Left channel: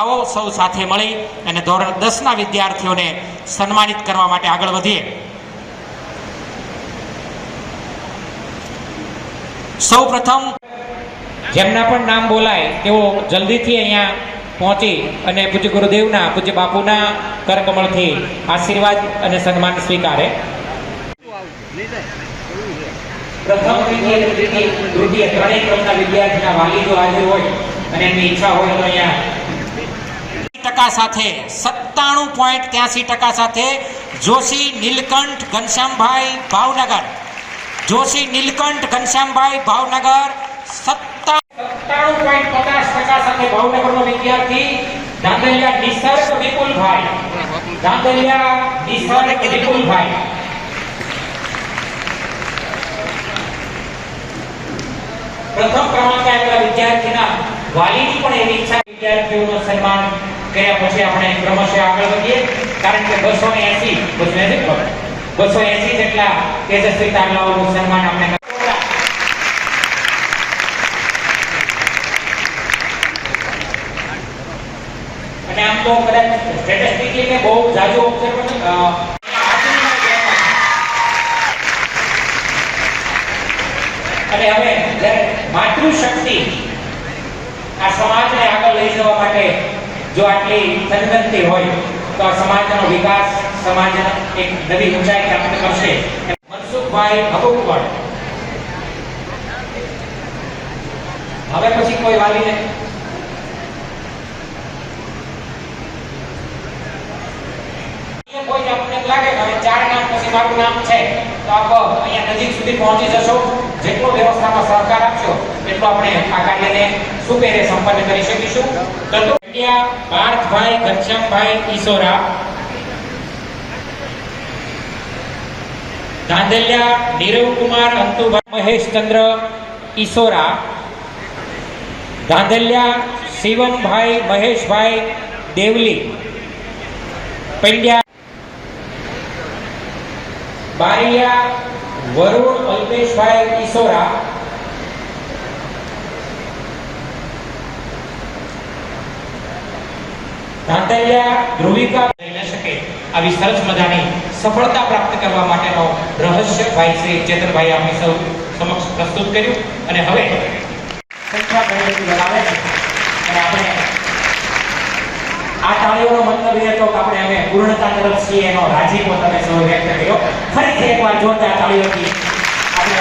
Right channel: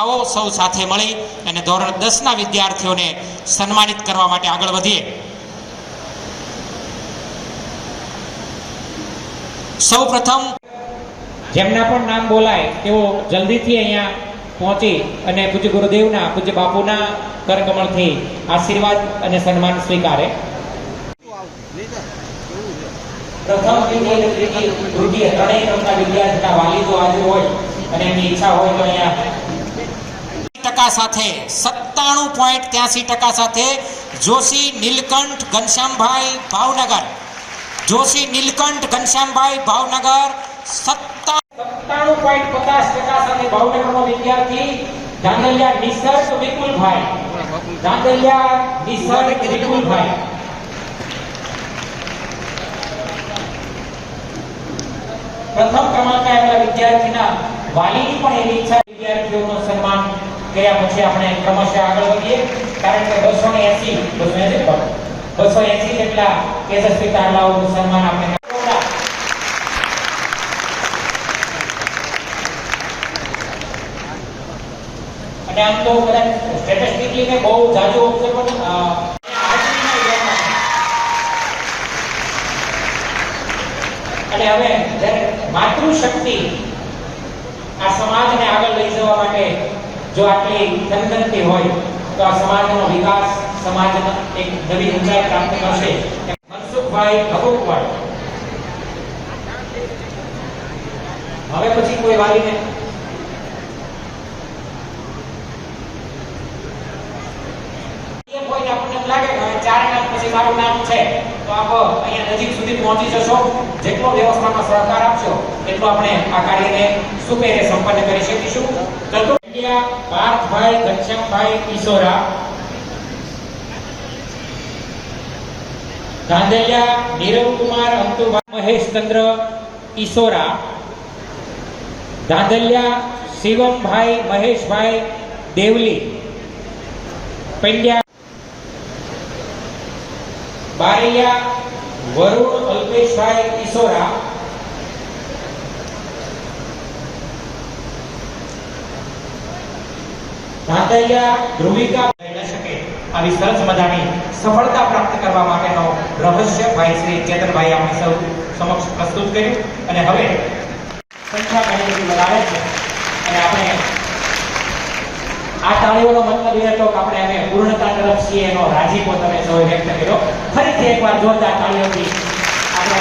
આવો સૌ સાથે મળી અને ધોરણ 10 ના વિદ્યાર્થીઓને સન્માનિત કરવા માટે આગળ વધીએ। સૌ પ્રથમ જેમના પણ નામ બોલાય તેઓ જલ્દીથી અહીંયા પહોંચી અને પૂજ્ય ગુરુદેવના પૂજ્ય બાપુના કરકમળથી આશીર્વાદ અને સન્માન સ્વીકારે। પ્રથમ તૃતીય ત્રણેય ક્રમના વિદ્યાર્થીના વાલી જો હાજર હોય અને એમની ઈચ્છા હોય તો અહીંયા સાથે 97.83% સાથે જોશી નીલકંઠ ઘનશ્યામભાઈ ભાવનગર, જોશી નીલકંઠ ઘનશ્યામભાઈ ભાવનગર 97.50% સાથે ભાવનગરનો વિદ્યાર્થી ધાંધલિયા નિસર્ગ વિપુલભાઈ, ધાંધલિયા નિસર્ગ વિપુલભાઈ। પ્રથમ ક્રમાંકે આવેલા વિદ્યાર્થીના વાલીની પણ એવી ઈચ્છા વિદ્યાર્થીઓનું સન્માન કર્યા પછી આપણે ક્રમશઃ આગળ વધીએ, કારણ કે 280 જેટલા તેજસ્વી તારલાઓનું સન્માન આપણે અને આમ તો કદાચ સ્ટેટિસ્ટિકલી કે બહુ જાજો ઓબ્ઝર્વેશન અને હવે જ્યારે માતૃશક્તિ આ સમાજને આગળ લઈ જવા માટે જો આટલી જનગણતી હોય તો આ સમાજનો વિકાસ, સમાજના એક નવી ઊંચાઈ પ્રાપ્ત કરશે। મનસુખભાઈ ભગોકવાડ, હવે પછી કોઈ વાલીને કોઈ આપણને લાગે કે 4 નામ પછી મારું નામ છે તો આપ અહીંયા નજીક સુધી પહોંચી જશો। જેટલો વ્યવસ્થામાં સહકાર આપશો એટલો આપણે આ કાર્યને સુપેરે સંપન્ન કરી શકીશું। પાર્થભાઈ ઘનશ્યામભાઈ ઈસોરા, ધાંધલિયા નીરવકુમાર અંતુભાઈ મહેશચંદ્ર ઈસોરા, ધાંધલિયા શિવમભાઈ મહેશભાઈ દેવલી, પંડ્યા બારિયા વરુણ અલ્પેશભાઈ ઈસોરા, ધાંધલિયા ધ્રુવિકા લઈ શકે આવી સરસ મજાની સફળતા પ્રાપ્ત કરવા માટેનો રહસ્ય ભાઈ શ્રી ચેતનભાઈ આપણી સૌ સમક્ષ પ્રસ્તુત કર્યું અને હવે સંખ્યા ગણતરી લગાવે છે અને આપણે આ તાળીઓનો મતલબ એ હતો કે આપણે હવે પૂર્ણતા તરફ છીએ એનો રાજીપો તમે સૌ વ્યક્ત કર્યો। ફરીથી એકવાર જોરદાર તાળીઓથી આપણે